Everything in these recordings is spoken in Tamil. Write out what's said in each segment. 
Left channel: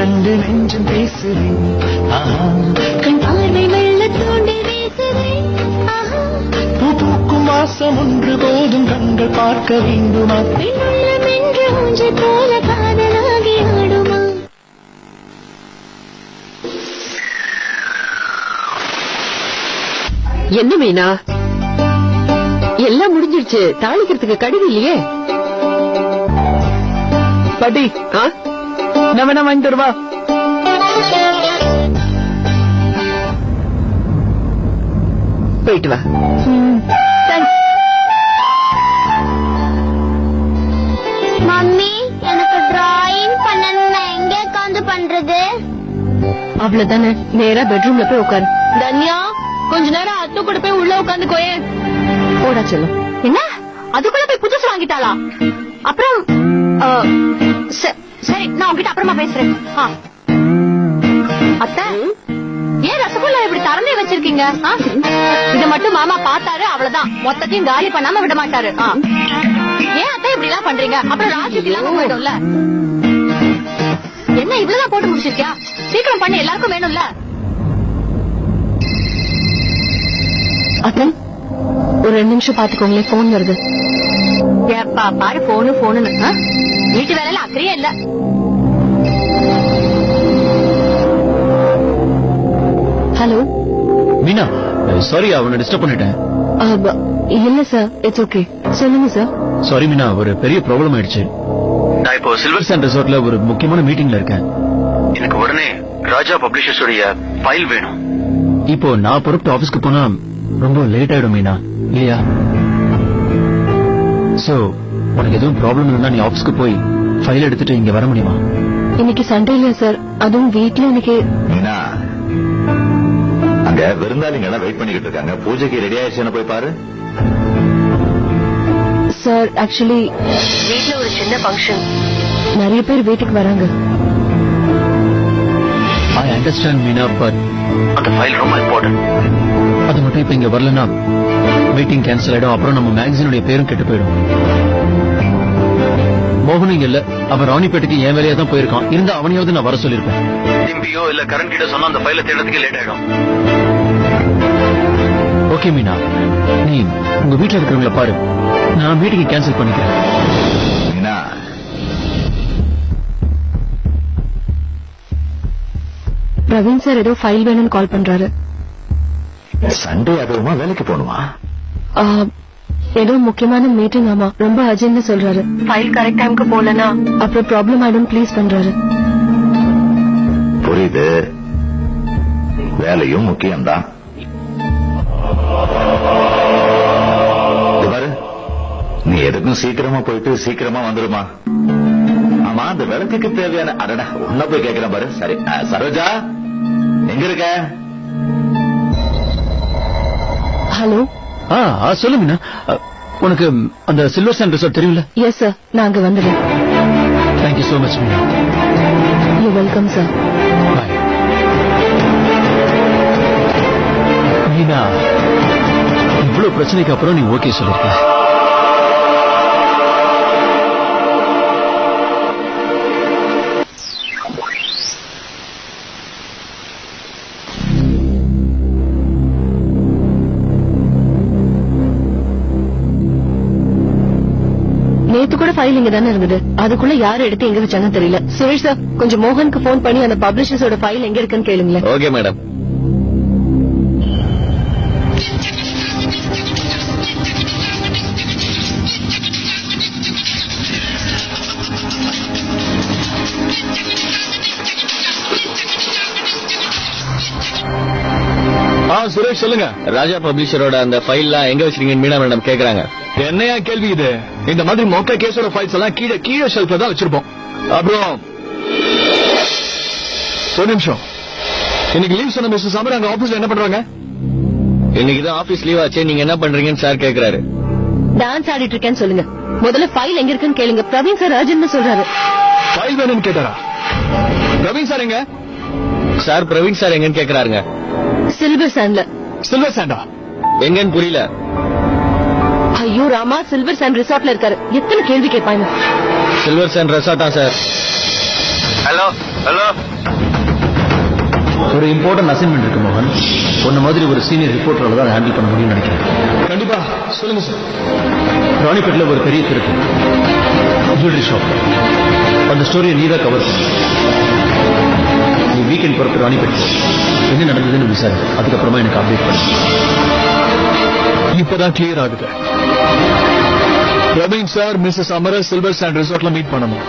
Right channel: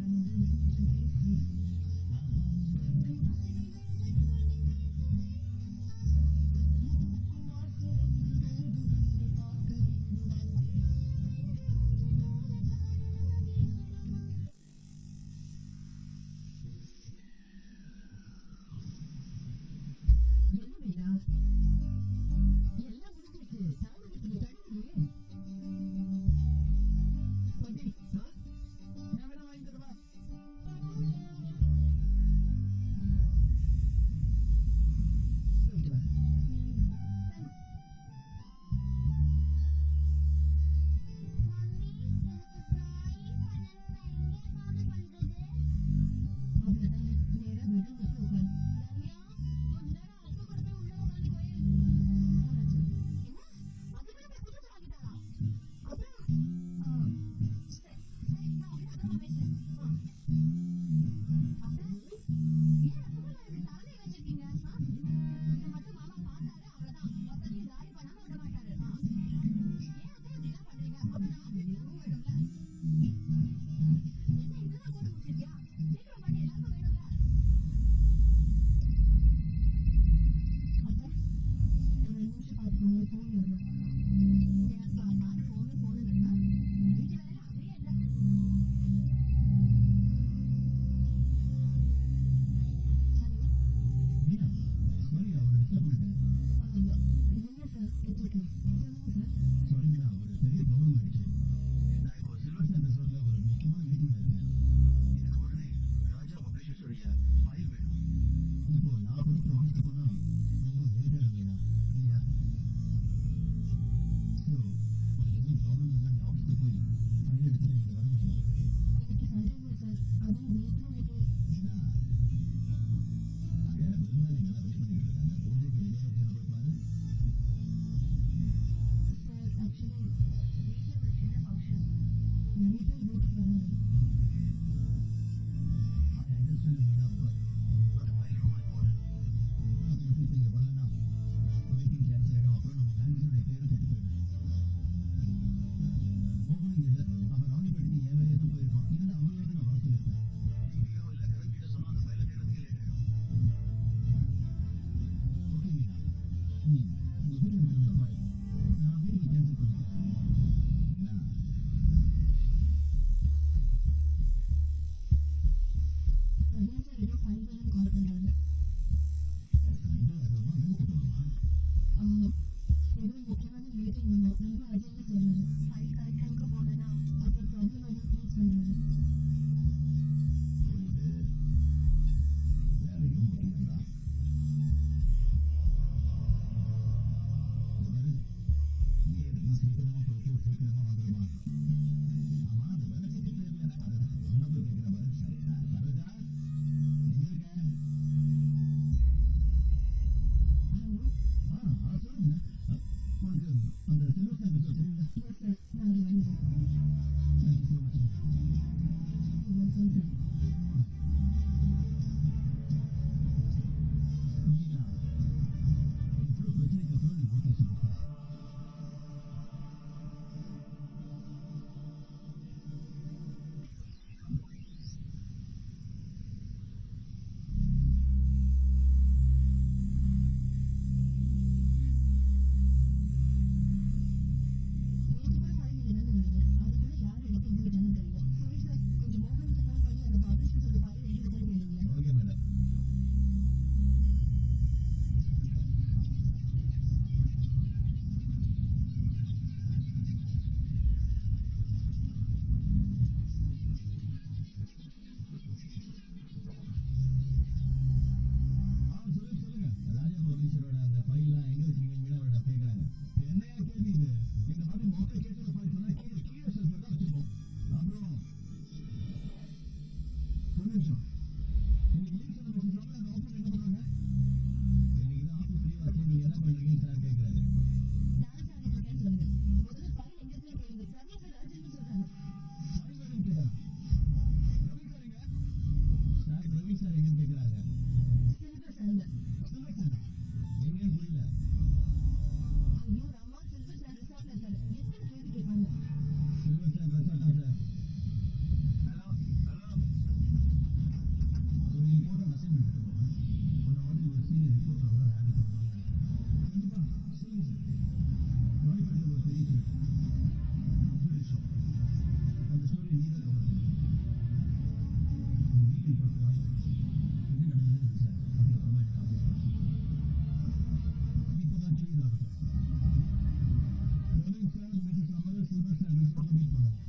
ரெண்டு நெஞ்சம் பேசுறேன் கண் பார்வை வெள்ள தோண்டி வீசுறேன் பூ பூக்கும் வாசம் ஒன்று போதும் கண்கள் பார்க்க வேண்டுமா பெண்ணுள்ளம் என்று ஊஞ்சல் போல காதலாகி ஆடுமா என்ன மீனா எல்லாம் முடிஞ்சிருச்சு தாளிக்கிறதுக்கு கடிதம் இல்லையே பாட்டி நான் வேணா வாங்கி தருவா போயிட்டு வா மம்மி எனக்கு டிராயிங் பண்ணணும்னா எங்க உட்கார்ந்து பண்றது அவ்வளவுதானே நேரா பெட்ரூம்ல போய் உட்காரு தன்யா கொஞ்ச நேரம் அத்து கூட போய் உள்ள உட்காந்து கோயே போடா செல்லும் என்ன அதுக்குள்ள போய் புதுசு வாங்கிட்டாளா அப்புறம் சரி நான் உங்ககிட்ட அப்புறமா பேசுறேன் அத்தை ஏன் ரசகுல்லா இப்படி திறந்தே வச்சிருக்கீங்க இத மட்டும் மாமா பார்த்தாரு அவ்வளவுதான் மொத்தத்தையும் காலி பண்ணாம விட மாட்டாரு ஏன் அத்தை இப்படி எல்லாம் பண்றீங்க அப்புறம் ராஜுக்கு இல்லாம போயிடும்ல என்ன இவ்வளவுதான் போட்டு முடிச்சிருக்கியா சீக்கிரம் பண்ணி எல்லாருக்கும் வேணும்ல அத்தன் ஒரு 2 நிமிஷம் பாத்துக்கோங்களேன் போன் வருது ஏப்பா பாரு போனு வீட்டு வேலையில அக்கறையே இல்ல ஹலோ மீனா சாரி அவனை டிஸ்டர்ப் பண்ணிட்டேன் இல்ல சார் இட்ஸ் ஓகே சொல்லுங்க சார் சாரி மீனா ஒரு பெரிய ப்ராப்ளம் ஆயிடுச்சு நான் இப்போ சில்வர் சாண்ட் ரிசார்ட்ல ஒரு முக்கியமான மீட்டிங்ல இருக்கேன் எனக்கு உடனே ராஜா பப்ளிஷர்ஸ் உடைய ஃபைல் வேணும் இப்போ நான் பொறுப்பு ஆபீஸ்க்கு போனா ரொம்ப லேட் ஆயிடும் மீனா இல்லையா சோ உனக்கு எதுவும் ப்ராப்ளம் இருந்தா நீ ஆபீஸ்க்கு போய் ஃபைல் எடுத்துட்டு இங்க வர முடியுமா இன்னைக்கு சண்டே இல்லையா சார் அதுவும் வீட்ல இன்னைக்கு மீனா அங்க விருந்தாளிங்க எல்லாம் வெயிட் பண்ணிக்கிட்டு இருக்காங்க பூஜைக்கு ரெடி ஆயிடுச்சுன்னு போய் பாரு சார் ஆக்சுவலி வீட்ல ஒரு சின்ன ஃபங்க்ஷன் நிறைய பேர் வீட்டுக்கு வராங்க ஐ அண்டர்ஸ்டாண்ட் மீனா பட் அந்த ஃபைல் ரொம்ப இம்பார்ட்டன்ட் அது மட்டும் இப்ப இங்க வரலன்னா மீட்டிங் கேன்சல் ஆயிடும் அப்புறம் நம்ம மேகசினுடைய பேரும் கெட்டு போயிடும் மோகன் இங்க இல்ல அவன் ராணிப்பேட்டைக்கு என் வேலையா தான் போயிருக்கான் இருந்தா அவனையாவது நான் வர சொல்லிருப்பேன் டிம்பியோ இல்ல கரண் கிட்ட சொன்னா அந்த ஃபைல தேடுறதுக்கு லேட் ஆயிடும் ஓகே மீனா நீ உங்க வீட்டுல இருக்கிறவங்கள பாரு நான் மீட்டிங் கேன்சல் பண்ணிக்கிறேன் மீனா பிரவீன் சார் ஏதோ ஃபைல் வேணும்னு கால் பண்றாரு சண்டே அதுவுமா வேலைக்கு போகணுமா ஏதோ முக்கியமான மீட்டிங் ஆமா ரொம்ப அர்ஜென்ட்னு சொல்றாரு ஃபைல் கரெக்ட் டைம்க்கு போலனா அப்புறம் ப்ராப்ளம் ஆயிடும் ப்ளீஸ் பண்றாரு புரியுது வேலையும் முக்கியம்தான் பாரு நீ எதுக்கும் சீக்கிரமா போயிட்டு சீக்கிரமா வந்துருமா ஆமா அந்த விளக்குக்கு தேவையான அடடா உன்ன போய் கேட்கிறேன் பாரு சரி சரோஜா எங்க இருக்க ஹலோ சொல்லு மீனா உனக்கு அந்த சில்வர் சாண்ட் ரிசார்ட் தெரியும்ல எஸ் சார் நான் அங்க வந்துடுறேன் thank you so much Meena you welcome sir bye Meena இவ்வளவு பிரச்சனைக்கு அப்புறம் நீ ஓகே சொல்லிருக்க நேத்து கூட ஃபைல் இங்க தானே இருந்தது அதுக்குள்ள யாரு எடுத்து எங்க வச்சாங்கன்னு தெரியல சுரேஷ் சார் கொஞ்சம் மோகனுக்கு போன் பண்ணி அந்த பப்ளிஷர்ஸோட ஃபைல் எங்க இருக்குன்னு கேளுங்களேன் ஓகே மேடம் சுரேஷ் சொல்லுங்க ராஜா பப்ளிஷரோட அந்த ஃபைல்லாம் எங்க வச்சிருக்கீங்க மீனா மேடம் கேக்குறாங்க என்னையா கேள்வி இது இந்த மாதிரி மொக்க கேஸோட ஃபைல்ஸ் எல்லாம் கீழே கீழே ஷெல்ஃப்ல தான் வச்சிருப்போம் அப்புறம் ஒரு நிமிஷம் இன்னைக்கு லீவ் சொன்ன மிஸ்டர் சமர் அங்க ஆபீஸ்ல என்ன பண்றாங்க இன்னைக்கு தான் ஆபீஸ் லீவ் ஆச்சு நீங்க என்ன பண்றீங்கன்னு சார் கேக்குறாரு டான்ஸ் ஆடிட்டு இருக்கேன்னு சொல்லுங்க முதல்ல ஃபைல் எங்க இருக்குன்னு கேளுங்க பிரவீன் சார் அர்ஜென்ட்னு சொல்றாரு ஃபைல் வேணும்னு கேட்டாரா பிரவீன் சார் எங்க சார் பிரவீன் சார் எங்கன்னு கேக்குறாருங்க. சில்வர் சாண்ட்ல. சில்வர் சாண்டா எங்கன்னு புரியல. ஐயோ ராமா, சில்வர் சாண்ட் ரிசார்ட்ல இருக்காரு. எத்தனை கேள்வி கேட்பாங்க. Silver sand ரெசார்ட்டா sir? Hello hello. ஒரு இம்பார்ட்டன்ட் அசைன்மெண்ட் இருக்கு மோகன். உன்ன மாதிரி ஒரு சீனியர் ரிப்போர்ட்டரால தான் ஹேண்டில் பண்ண முடியும்னு நினைக்கிறேன். கண்டிப்பா சொல்லுங்க சார். ராணிப்பேட்டில் ஒரு பெரிய திருட்டு, ஜுவல்லரி ஷாப். அந்த ஸ்டோரியை நீ தான் கவர் பண்ண. நீ வீக்கெண்ட் பொறுத்து ராணிப்பேட் என்ன நடந்ததுன்னு விசாரி, அதுக்கப்புறமா எனக்கு அப்டேட் பண்ணு. இப்பதான் கிளியர் ஆகுது. Praveen sir Mrs Amara silver sand ரிசார்ட்ல மீட் பண்ணணும்.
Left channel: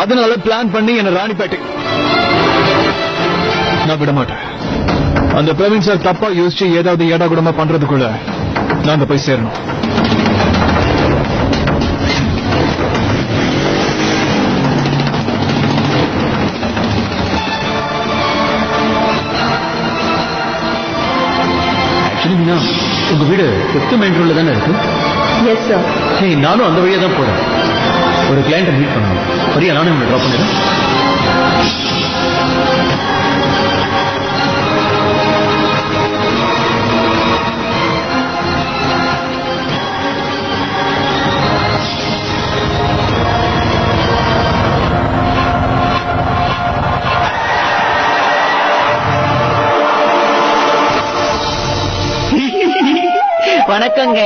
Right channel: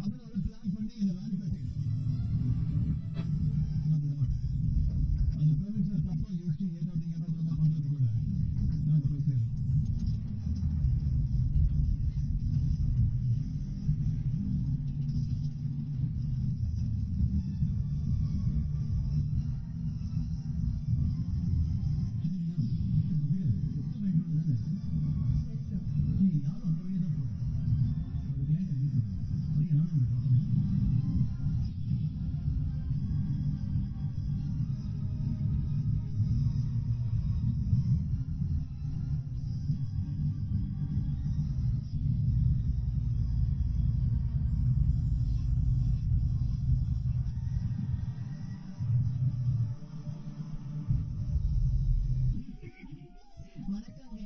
அதனால பிளான் பண்ணி என்ன ராணிப்பேட்டை நான் விட மாட்டேன். அந்த பிரவீன் சார் தப்பா யோசிச்சு ஏதாவது ஏடா கூடமா பண்றதுக்குள்ள நாங்க போய் சேரணும். ஆக்சுவலி மீனா, உங்க வீடு 5th மெயின் ரோட்ல தானே இருக்கு? Yes sir. ஹே, நானும் அந்த வழியா தான் போறேன். ஒரு கிளையண்ட்டை மீட் பண்ணணும். சரியா, நானும் உங்களை ட்ராப் பண்ணிடுறேன். வணக்கங்க.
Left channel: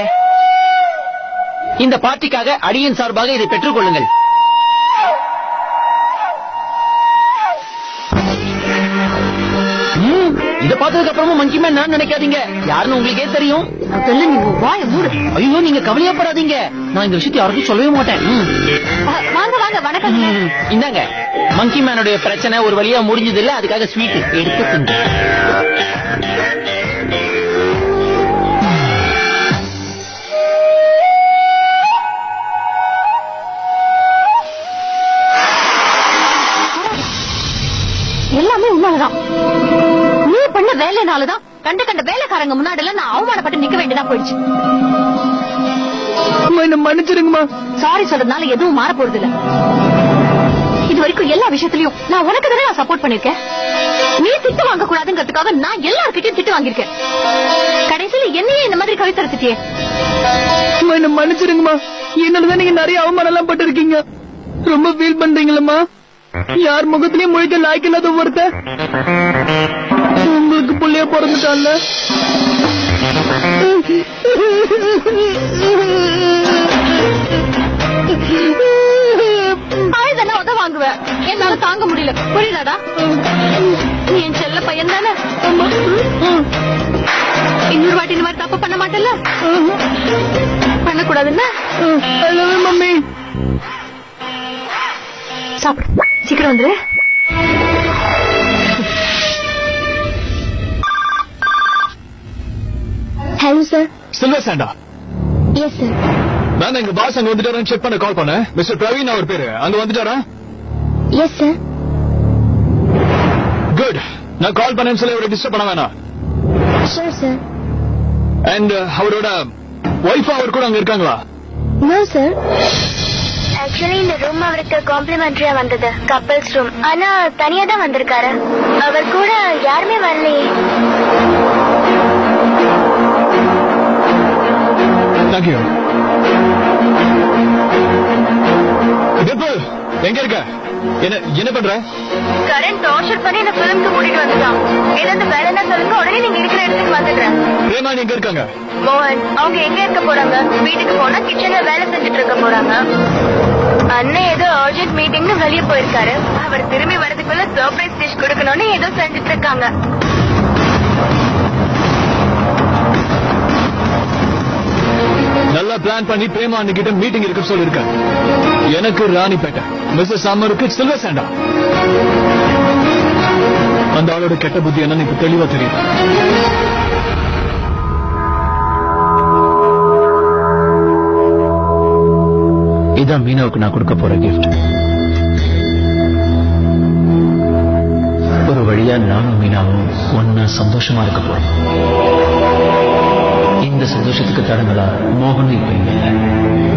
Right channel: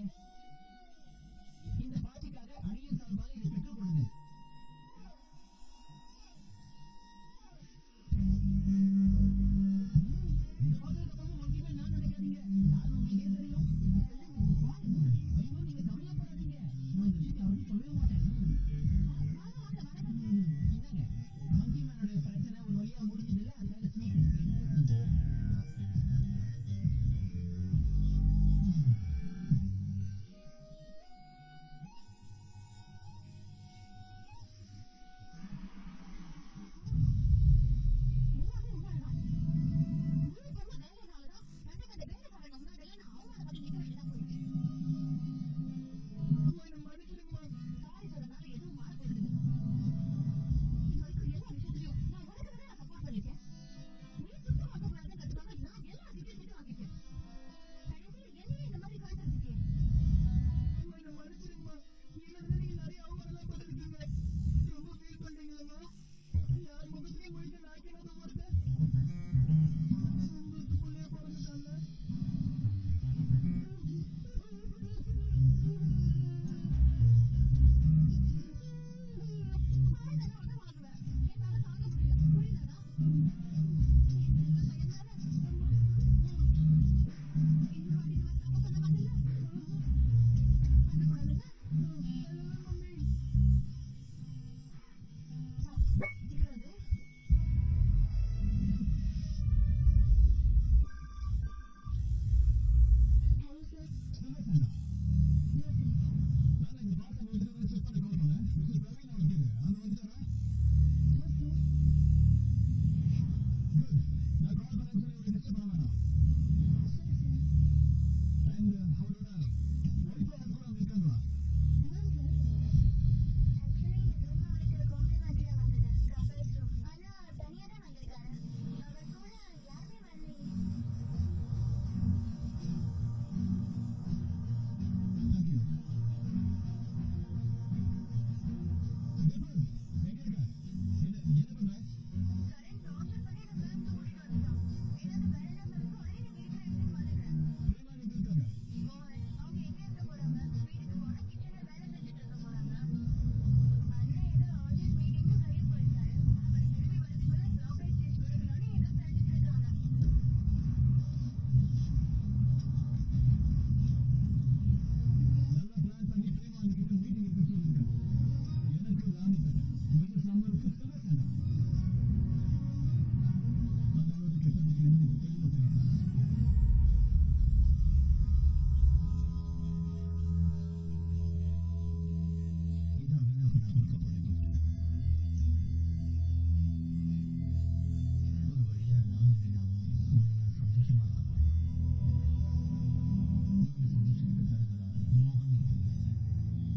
இந்த பார்ட்டிக்காக அடியின் சார்பாக இதை பெற்றுக் கொள்ளுங்கள். இதை பார்த்ததுக்கு அப்புறமும் மங்கி மேன் நான் நினைக்காதீங்க. யாருன்னு உங்களுக்கே தெரியும். முதல்ல நீ உன் வாயை மூடு. ஐயோ, நீங்க கவலையப்படாதீங்க. நான் இந்த விஷயத்தை யாருக்கும் சொல்லவே மாட்டேன். வாங்க வாங்க, வணக்கம். இந்தாங்க, மங்கி மேனுடைய பிரச்சனை ஒரு வழியா முடிஞ்சது இல்ல, அதுக்காக ஸ்வீட் எடுத்து திங்க. எல்லாமே உன்னாலதான். நீ பண்ண வேலைனாலதான் கண்ட கண்ட வேலைக்காரங்க முன்னாடில நான் அவமானப்பட்டு நிக்க வேண்டியதா போயிடுச்சு. மன்னிச்சிருங்கம்மா. சாரி சொல்றதுனால எதுவும் மாற போறது இல்ல. இது வரைக்கும் எல்லா விஷயத்திலயும் நான் உனக்கு தானே சப்போர்ட் பண்ணிருக்கேன். நீ திட்டு வாங்க கூடாதுங்கிறதுக்காக நான் எல்லார்கிட்டயும் திட்டு வாங்கிருக்கேன். கடைசியில என்னையே இந்த மாதிரி கவிதை திட்டியே. மன்னிச்சிருங்கம்மா. என்னதான் நீங்க நிறைய அவமானம் எல்லாம் பட்டு இருக்கீங்க. ரொம்ப ஃபீல் பண்றீங்களம்மா. யார் முகத்திலயும் மொழிக்க லாய்க்கு இல்லாத ஒருத்த உங்களுக்கு புள்ளைய பிறந்துட்டான்ல. ஆயுதனா உத வாங்குவேன். என்னால தாங்க முடியல. புரியுதாடா? நீ என் செல்ல பையன் தானே. இன்னொரு வாட்டி இந்த மாதிரி தப்பு பண்ண மாட்டேல்ல? பண்ணக்கூடாதுன்னு மம்மி. சாப்பிடு, சீக்கிரம் வந்துரு. Hello sir. Silver Santa. Yes sir. நான் எங்க பாஸ் அங்க வந்துட்டாரான்னு செக் பண்ண கால் பண்ணேன். மிஸ்டர் பிரவீன் அவர் பேரு. அங்க வந்துட்டாரா? Yes sir. குட். நான் கால் பண்ணேன்னு சொல்லி அவரை டிஸ்டர்ப் பண்ண வேணாம். Sure sir. அண்ட் அவரோட ஒய்ஃப் அவர் கூட அங்க இருக்காங்களா? No sir. ஆக்சுவலி இந்த ரூம் அவருக்கு காம்ப்ளிமெண்டரியா வந்தது, கப்பல்ஸ் ரூம். ஆனா தனியா தான் வந்திருக்காரு. அவர் கூட யாருமே வரலையே. தேங்க்யூ. டிம்பிள், எங்க இருக்க? என்ன பண்ற? கரண்ட் டார்ச்சர் பண்ணி இந்த பிலிம்க்கு கூட்டிட்டு வந்துட்டான். ஏதாவது வேலைன்னா சொல்லுங்க, உடனே நீங்க இருக்கிற இடத்துக்கு வந்துடுறேன். பிரேமா எங்க இருக்காங்க? மோகன் அவங்க எங்க இருக்க போறாங்க? வீட்டுக்கு போனா கிச்சன்ல வேலை செஞ்சுட்டு இருக்க போறாங்க. அண்ணன் ஏதோ அர்ஜென்ட் மீட்டிங்னு வெளியே போயிருக்காரு. அவர் திரும்பி வரதுக்குள்ள சர்ப்ரைஸ் டிஷ் கொடுக்கணும்னு ஏதோ செஞ்சுட்டு இருக்காங்க. நல்லா பிளான் பண்ணி பிரேமா அன்னிக்கிட்ட மீட்டிங் இருக்கு சொல்லிருக்க. எனக்கு ராணிப்பேட்டை, மிஸ்ஸஸ் அமருக்கு சில்வர் சாண்டா. அந்த ஆளோட கெட்ட புத்தி என்னன்னு இப்ப தெளிவா தெரியும். இதான் மீனாவுக்கு நான் கொடுக்க போற கிஃப்ட். ஒரு வழியா நானும் மீனாவும் ஒன்னா சந்தோஷமா இருக்க போறோம். இந்த சந்தோஷத்துக்கு தடங்களா மோகனும் இப்ப இங்க இல்ல.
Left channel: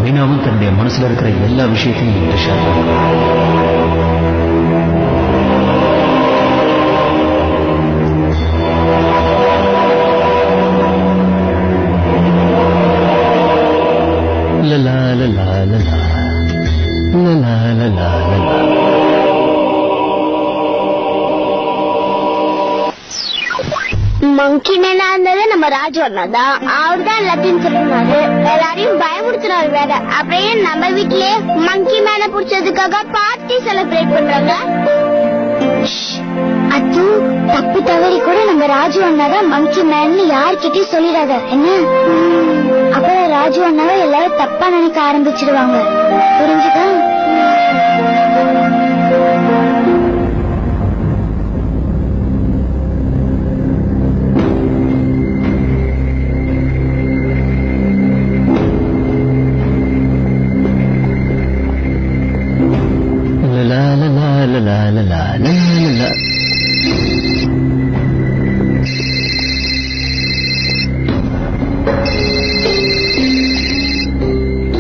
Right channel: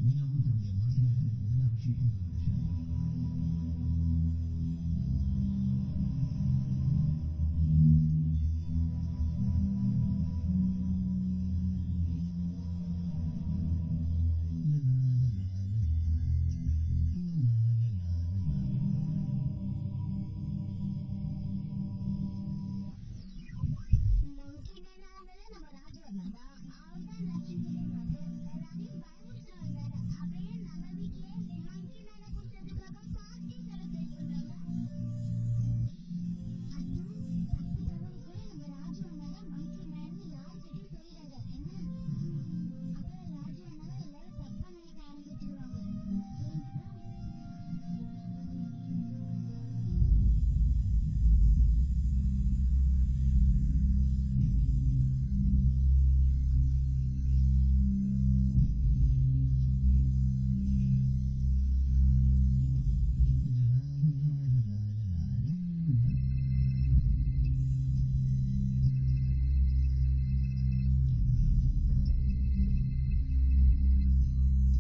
மீனாவும் தன்னுடைய மனசுல இருக்கிற எல்லா விஷயத்தையும் என்கிட்ட ஷேர் பண்ணுவாங்க. லலா லலா லலா லலா லலா லலா. மங்கி மேனா இருந்தது நம்ம ராஜு அண்ணா தான். அவர் தான் எல்லாத்தையும் சொல்லுவாரு, எல்லாரையும் பயமுறுத்துறாரு வேற. அப்படியே நம்ம வீட்லயே மங்கி மேன புடிச்சதுக்காக பார்ட்டி செலிப்ரேட் பண்றாங்க. அது தப்பு தவறி கூட நம்ம ராஜு அண்ணா தான் மங்கி மேன் யார்கிட்டயும் சொல்லிடாத என்ன. அப்புறம் ராஜு அண்ணாவை எல்லாரும் தப்பா நினைக்க ஆரம்பிச்சிருவாங்க. புரிஞ்சுதா?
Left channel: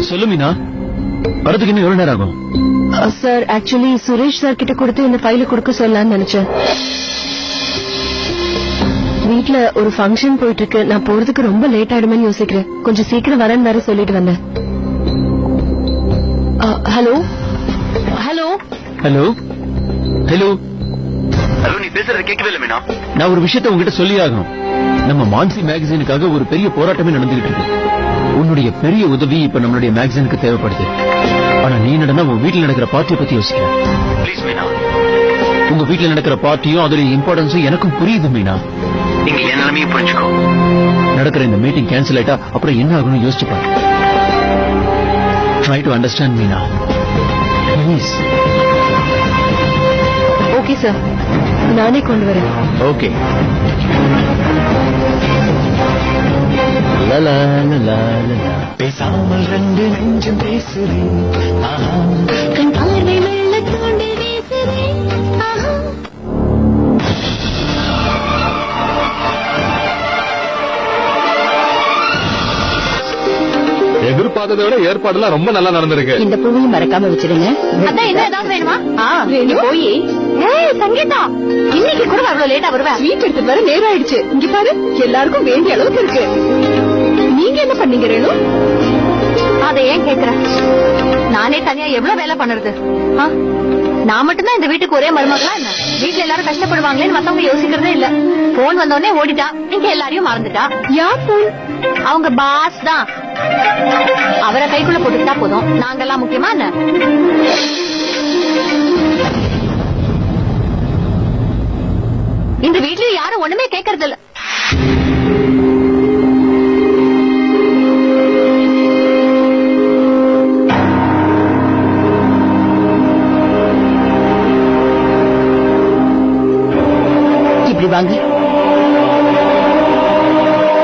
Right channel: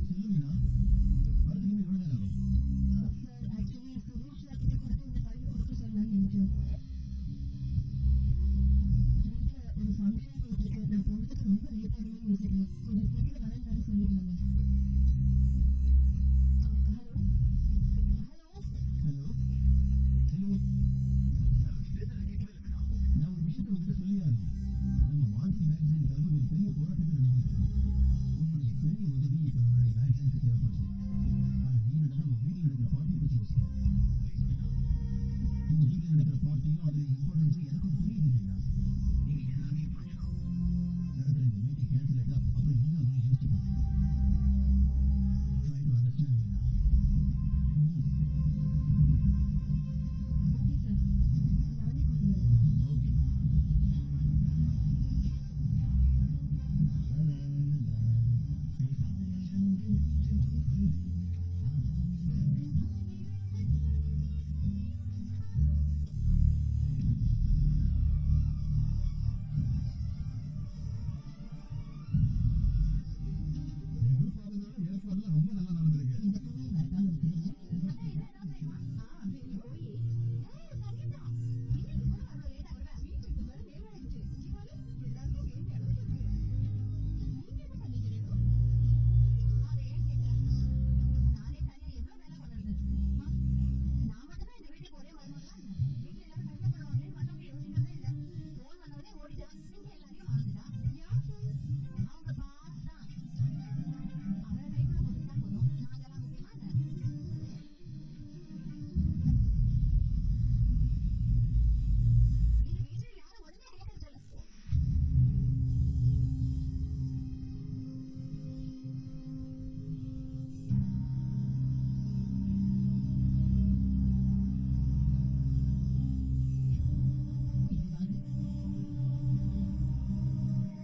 சொல்லு மீனா, வரதுக்கு இன்னும் எவ்வளவு நேரம் ஆகும்? சார் ஆக்சுவலி சுரேஷ் சார் கிட்ட கொடுத்து இந்த ஃபைல கொடுக்க சொல்லலாம்னு நினைச்சேன். வீட்ல ஒரு ஃபங்க்ஷன் போயிட்டு இருக்கு, நான் போறதுக்கு ரொம்ப லேட் ஆயிடுமேன்னு யோசிக்கிறேன். கொஞ்சம் சீக்கிரம் வரேன்னு வேற சொல்லிட்டு வந்தேன். Hello hello hello hello hello, நீ பேசுறது கேட்கவே இல்லை மீனா. நான் ஒரு விஷயத்தை உங்ககிட்ட சொல்லி ஆகணும். நம்ம மான்சி மேகசினுக்காக ஒரு பெரிய போராட்டமே நடந்துகிட்டு இருக்கு. உன்னுடைய பெரிய உதவி இப்ப நம்மளுடைய மேகசினுக்கு தேவைப்படுது. ஆனா நீ நடந்தா உன் வீட்டுல நடக்கிற பார்ட்டியை பத்தி யோசிக்கிற. ப்ளீஸ் மீனா, உங்க வீட்டுல நடக்கிற பார்ட்டியும் அதோட இம்பார்ட்டன்ஸும் எனக்கும் புரியுது மீனா. நீங்க என் நிலைமையும் புரிஞ்சுக்கோ. நடக்கிற இந்த மீட்டிங் கேன்சல் ஆயிட்டா அப்புறம் என்ன ஆகணும் யோசிச்சு பாரு. Try to understand Meena please. Okay sir, நானே கொண்டு வரேன். ஓகே. பேசாமல் ரெண்டு நெஞ்சம் பேசுறேன். கண் பார்வை மெல்ல தோண்டி வீசுறேன். எதிர்பார்த்ததை விட ஏற்பாடுலாம் ரொம்ப நல்லா நடந்திருக்கு. இந்த பூவையும் மறக்காம வச்சிருங்க. அதான் என்ன ஏதாவது வேணுமா? நீ போய் சங்கீதா, இன்னைக்கு கூட அவ்வளவு லேட்டா வருவேன். ஸ்வீட் எடுத்து வர நேரம் ஆயிடுச்சு. இங்க பாரு, எல்லாருக்கும் வேண்டிய அளவுக்கு இருக்கு. நீங்க என்ன பண்ணீங்க ரேணு? அதை ஏன் கேக்குற? நானே தனியா எவ்வளவு வேலை பண்ணுறது? நான் மட்டும்தான் இந்த வீட்டுக்கு ஒரே மருமகளா என்ன? வீட்டுல எல்லாரும் கஷ்டப்படுவாங்களேன்னு மத்தவங்க யோசிக்கிறதே இல்ல. போன் வந்தோடனே ஓடிட்டா, நீங்க எல்லாரையும் மறந்துட்டா. யார் போன்? அவங்க பாஸ் தான். அவரை கைக்குள்ள போட்டுக்கிட்டா போதும். நாங்கெல்லாம் முக்கியமா என்ன? இந்த வீட்டுல யாரும் ஒண்ணுமே கேட்கறது இல்ல. இப்படி வாங்க.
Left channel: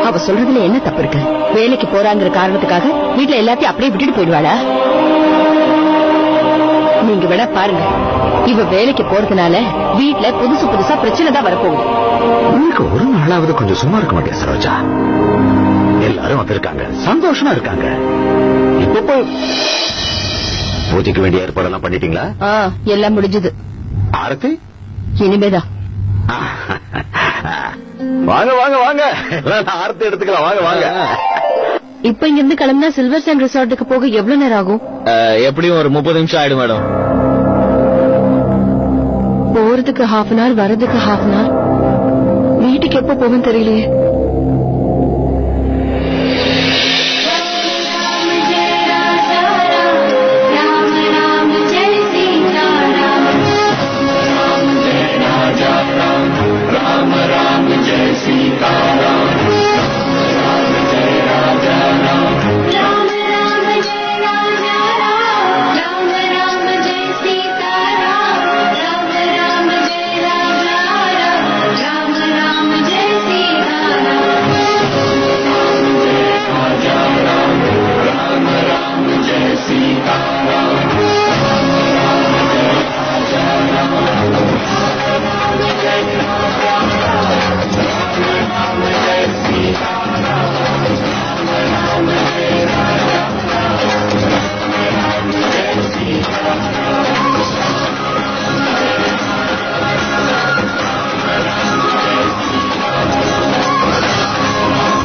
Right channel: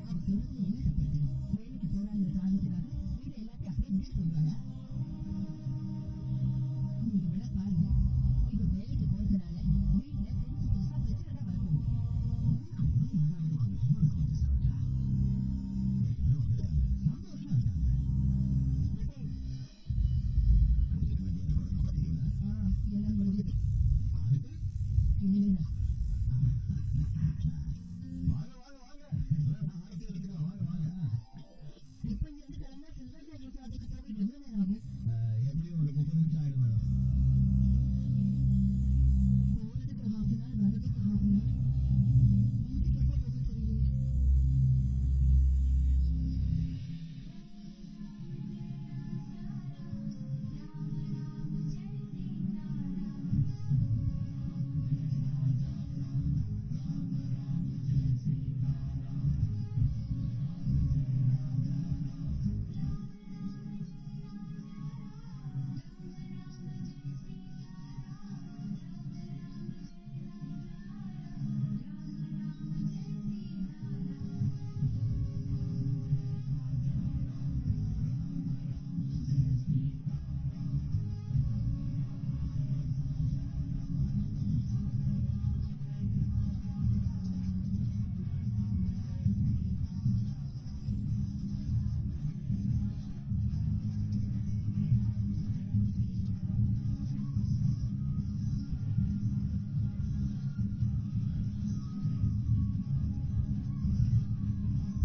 அவ சொல்றதுல என்ன தப்பு இருக்கு? வேலைக்கு போறாங்கிற காரணத்துக்காக வீட்டுல எல்லாத்தையும் அப்படியே விட்டுட்டு போயிடுவாளா? நீங்க வேணா பாருங்க, இவ வேலைக்கு போறதுனால வீட்டுல புதுசு புதுசா பிரச்சனை தான் வரப்போகுது. உங்களுக்கு ஒரு நாளாவது கொஞ்சம் சும்மா இருக்க மாட்டேன் சரோஜா. எல்லாரும் வந்திருக்காங்க, சந்தோஷமா இருக்காங்க. இப்போ பூஜைக்கு வேண்டிய ஏற்பாடெல்லாம் பண்ணிட்டீங்களா? எல்லாம் முடிஞ்சது. ஆரத்தி இனிமேதான். வாங்க வாங்க வாங்க, ஆரத்தி எடுத்துக்கலாம். வாங்க வாங்க. இப்ப இங்க இருந்து கிளம்பினா சில்வர் சாண்ட் ரிசார்ட்டுக்கு போக எவ்வளவு நேரம் ஆகும்? எப்படியும் ஒரு 30 நிமிஷம் ஆயிடும் மேடம். போறதுக்கு ½ அன் ஹவர், வரதுக்கு ½ அன் ஹவர். வீட்டுக்கு எப்ப போகும் தெரியலையே.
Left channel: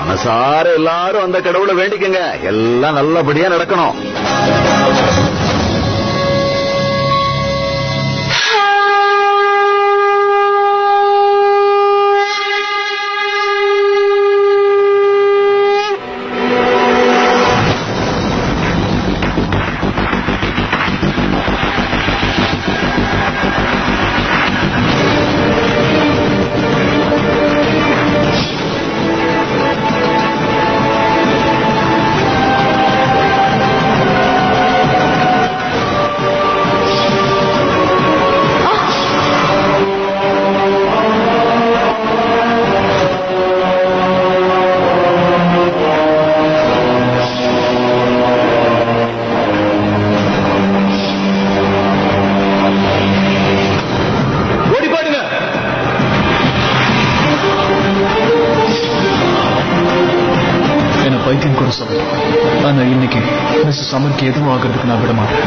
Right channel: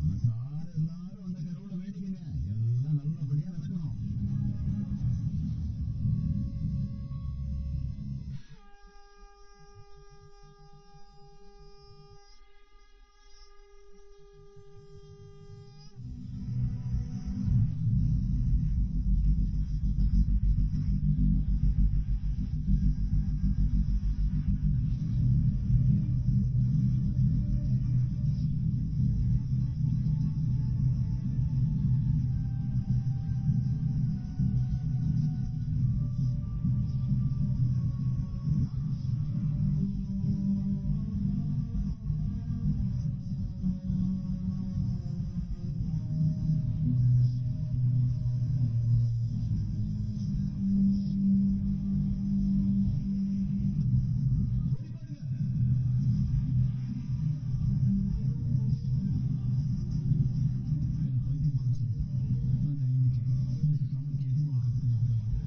மனசார எல்லாரும் அந்த கடவுளை வேண்டிக்கங்க, எல்லாம் நல்லபடியா நடக்கணும். மிஸ்ஸஸ் சம்மருக்கு எதுவும் ஆகிறதுக்கு நான் விட மாட்டேன்.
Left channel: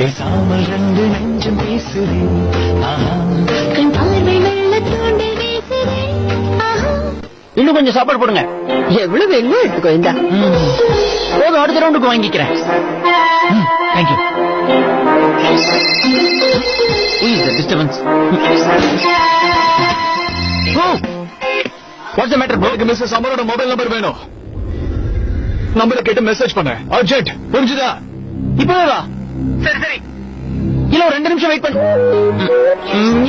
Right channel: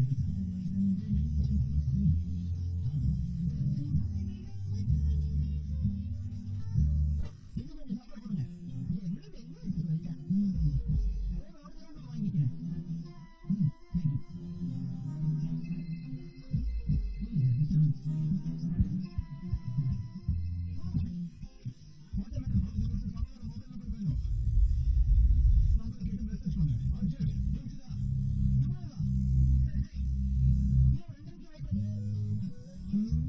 பேசாமல் ரெண்டு நெஞ்சம் பேசுறேன். இன்னும் கொஞ்சம் சாப்பாடு போடுங்க. எவ்வளவு வேணுமோ எடுத்துக்கோ. இந்தா போதும், அடுத்த ரவுண்டுக்கு வாங்கிக்கிறேன். Thank you. Disturbance. What's the matter bro? எனக்கு மிஸ்ஸஸ் சம்மரோட மொபைல் நம்பர் வேணும். நம்பரை கேட்டு மெசேஜ் பண்ண அர்ஜென்ட். புரிஞ்சுதா? இப்பவே வா. சரி சரி. இல்ல ஒரு 2 நிமிஷம் வெயிட் பண்ணு.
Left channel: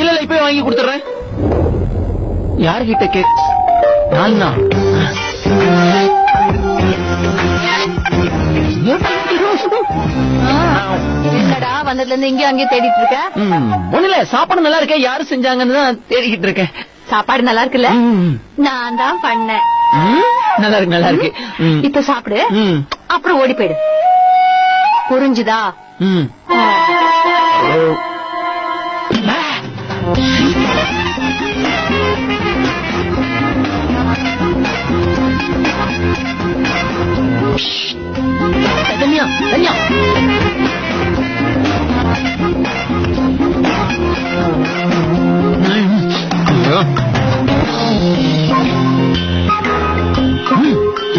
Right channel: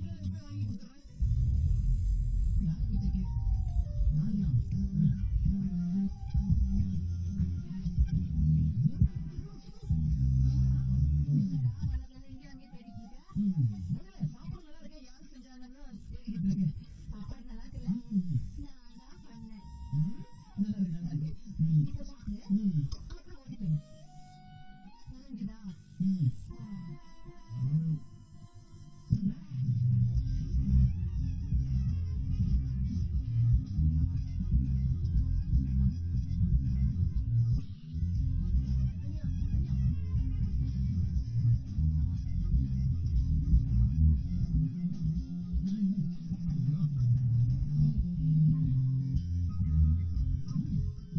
இல்ல இப்பவே வாங்கி கொடுத்துறேன். யார்கிட்ட கேக்? நான் என்னடா வந்ததுல இருந்து இங்க அங்கேயே தேடிட்டு இருக்க? ஒண்ணுல சாப்பாடு நல்லா இருக்கேன், யாரு செஞ்சாங்கன்னு தான் தேடிக்கிட்டு இருக்கேன். சாப்பாடு நல்லா இருக்குல்ல? நான் தான் பண்ணேன். நல்லா இருக்கு நல்லா இருக்கு. இப்ப சாப்பிடு, அப்புறம் ஓடி போயிடு. புரிஞ்சுதா? தன்யா தன்யா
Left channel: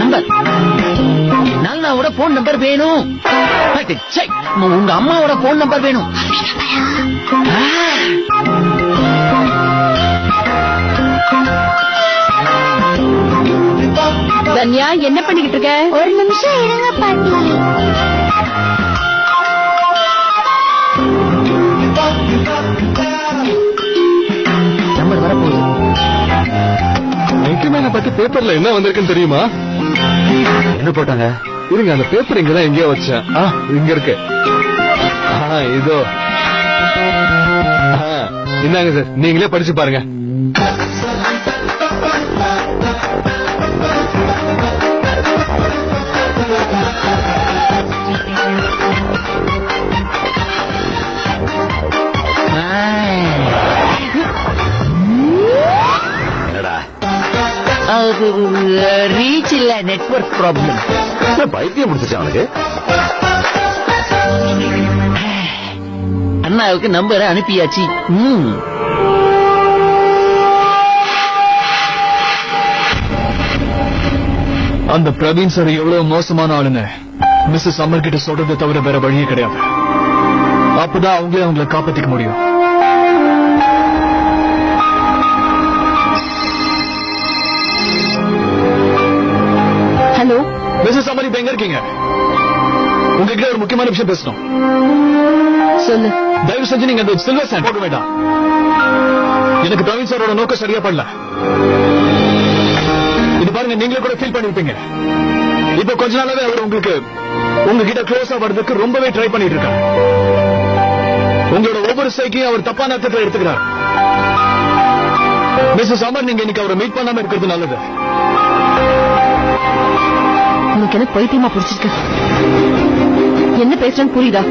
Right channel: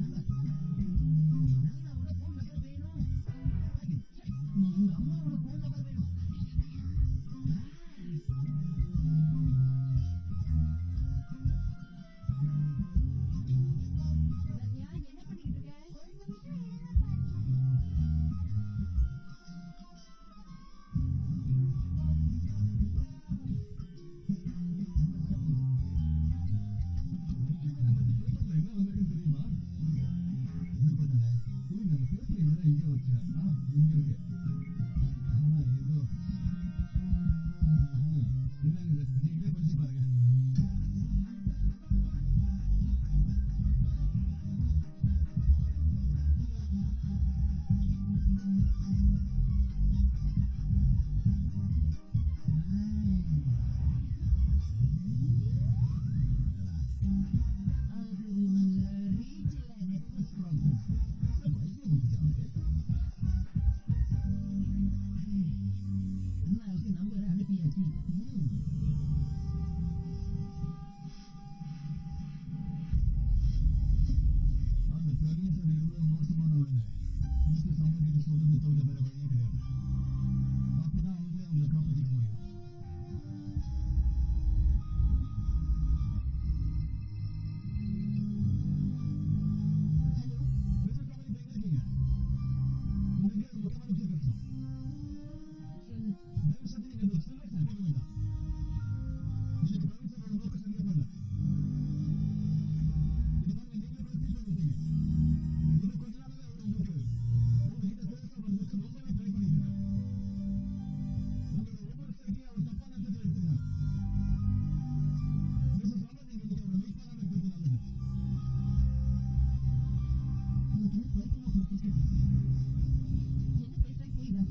நம்பர் நாலனாவோட போன் நம்பர் வேணும். உங்க அம்மாவோட போன் நம்பர் வேணும். தன்யா என்ன பண்ணிக்கிட்டு இருக்க? ஒரு நிமிஷம் இருங்க பாட்டி. நம்பர் வரப்போகுது. மேனை பத்தி பேப்பர்ல என்ன வந்திருக்குன்னு தெரியுமா? என்ன போட்டாங்க? இருங்க, அந்த பேப்பர் இங்கதான் எங்கேயோ வச்சேன். இங்க இருக்கு. இதோ. இந்தாங்க சார், நீங்களே படிச்சு பாருங்க. ரீச் இல்ல, நெட்வொர்க் ப்ராப்ளம். பைத்தியம் முடிச்சிச்சு அவனுக்கு. அண்ணாவுக்கு நம்பரை அனுப்பியாச்சு. அந்த பிரவீன் சார் எவ்வளவு மோசமான ஆளுன்னு மிஸ்ஸஸ் சம்மர் கிட்ட சொல்றதை தவிர வேற வழியே கிடையாது. அப்பதான் அவங்கள காப்பாத்திக்க முடியும். ஹலோ மிஸ்ஸஸ் சம்மர், இப்ப எங்க இருக்கீங்க? உங்ககிட்ட ஒரு முக்கியமான விஷயம் பேசணும். சொல்லு. தயவு செஞ்சு நீங்க அந்த சில்வர் சாண்ட் போக வேண்டாம். எனக்கு பிரவீன் சாரோட நோக்கம் சரியா படல. இது பாருங்க, நீங்களே கூட ஃபீல் பண்ணிருப்பீங்க. இப்ப கொஞ்ச நாளாவே அவர் உங்ககிட்ட க்ளோஸா வர்றதுக்கு ரொம்பவே ட்ரை பண்ணிட்டு இருக்காரு. உங்களோட ஒவ்வொரு சைக்கையும் அவர் தப்பான அர்த்தத்தை எடுத்துக்கிறார். மிஸ்ஸஸ் சம்மர், நீங்க இன்னைக்கு அவரை மீட் பண்ணாம இருக்கிறது நல்லது. உனக்கு என்ன பைத்தியமா பிடிச்சிருக்கு? என்ன பேசுறேன்னு புரியுதா?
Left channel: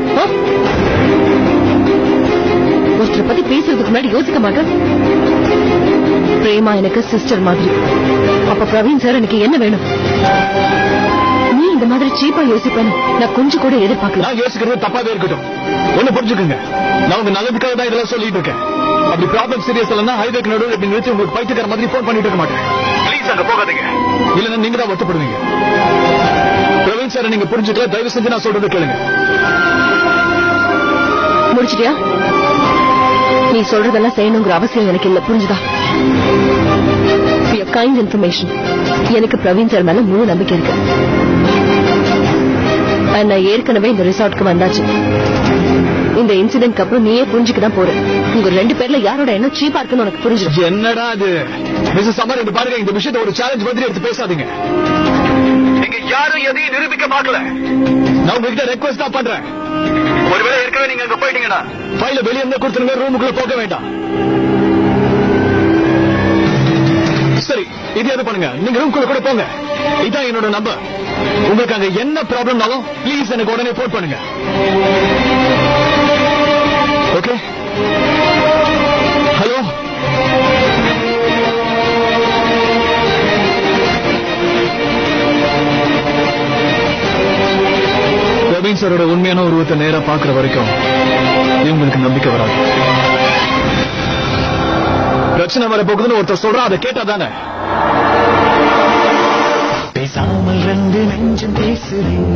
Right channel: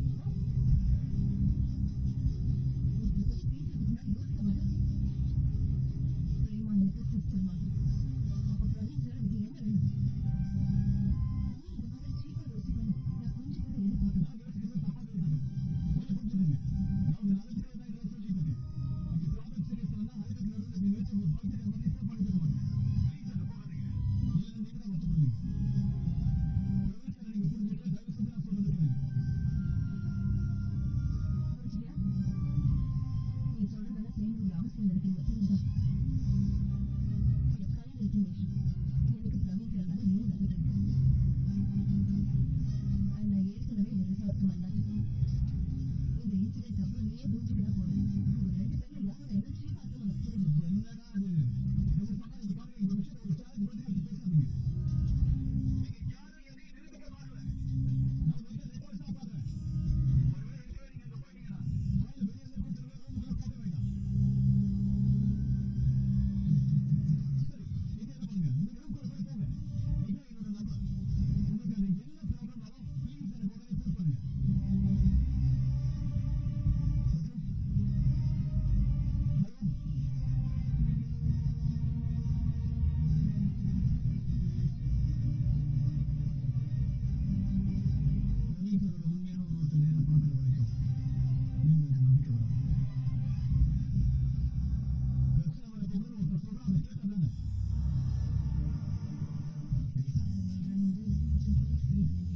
ஒருத்தரை பத்தி பேசுறதுக்கு முன்னாடி யோசிக்க மாட்டேன். பிரேமா எனக்கு சிஸ்டர் மாதிரி. அப்ப பிரவீன் சார் எனக்கு என்ன வேணும்? நீ இந்த மாதிரி சீப்பா யோசிப்பேன்னு நான் கொஞ்சம் கூட எதிர்பார்க்கல. நான் யோசிக்கிறது தப்பாவே இருக்கட்டும். ஒண்ணு புரிஞ்சுக்கோங்க, நான் உங்க நல்லதுக்காக தான் இதெல்லாம் சொல்லிட்டு இருக்கேன். அப்படி ப்ராப்ளம் சீரியஸ் இல்லைன்னா ஹைவேக்கு நடுவில் இப்படி நிறுத்தி உங்களுக்கு பைத்தியக்கார மாதிரி போன் பண்ணிட்டு இருக்க மாட்டேன். ப்ளீஸ் அங்க போகாதீங்க, இல்லைன்னா நீங்க தான் வருத்தப்படுவீங்க. பிரவீன் சார் நீங்க புரிஞ்சுக்கல, தயவு செஞ்சு நான் சொல்றது கேளுங்க. முடிச்சிட்டியா? நீ சொல்றதெல்லாம் செய்யணுங்கிற அவசியம் எனக்கு இல்ல, புரிஞ்சுதா? Kind information. எனக்கு பிரவீன் சார் மேல முழு நம்பிக்கை இருக்கு. நான் ஏற்கனவே இந்த ரிசார்ட்க்கு வந்தாச்சு. இந்த இன்சிடென்ட்க்கு அப்புறம் நீயே புரிஞ்சுக்கதான் போற. உங்க 2 பேர்ல யாரோட என்ன சீப்பா இருக்குன்னு உனக்கு புரிஞ்சிடும். என்னடா அது? மிஸ்ஸஸ் சம்மர், இது பாருங்க, இந்த விஷயத்தை ஒரு சேலஞ்ச் மாதிரி எடுத்து பேசாதீங்க. நீங்க யாரும் எதையும் நிரூபிக்க பார்க்கல. நான் உங்ககிட்ட ரெக்வெஸ்ட் தான் பண்றேன். ஒருவேளை ஏற்கனவே நீங்க அங்க போயிட்டீங்கன்னா ஃபைல வெளியே இருந்து கொடுத்துருங்க, ரூமுக்குள்ள போக வேண்டாம். சரி, இது எது பண்ணுங்க, நீங்க ரூமுக்குள்ள கூட போங்க. இதான் என்னோட நம்பர். உங்களுக்கு அங்க என்ன ப்ராப்ளம்னாலும் ப்ளீஸ் எனக்கு உடனே போன் பண்ணுங்க. ஓகே? ஹலோ, பிரவீன் சாரோட உண்மையான உருவத்தை நேரா பாக்குற வரைக்கும் இவங்களுக்கு நம்பிக்கை வராது. பிரச்சனை வர போகுதுன்னு ஒருத்தர் சொல்றா, அதை கேட்டா தானே. பேசாமல் ரெண்டு நெஞ்சம் பேசுறேன்.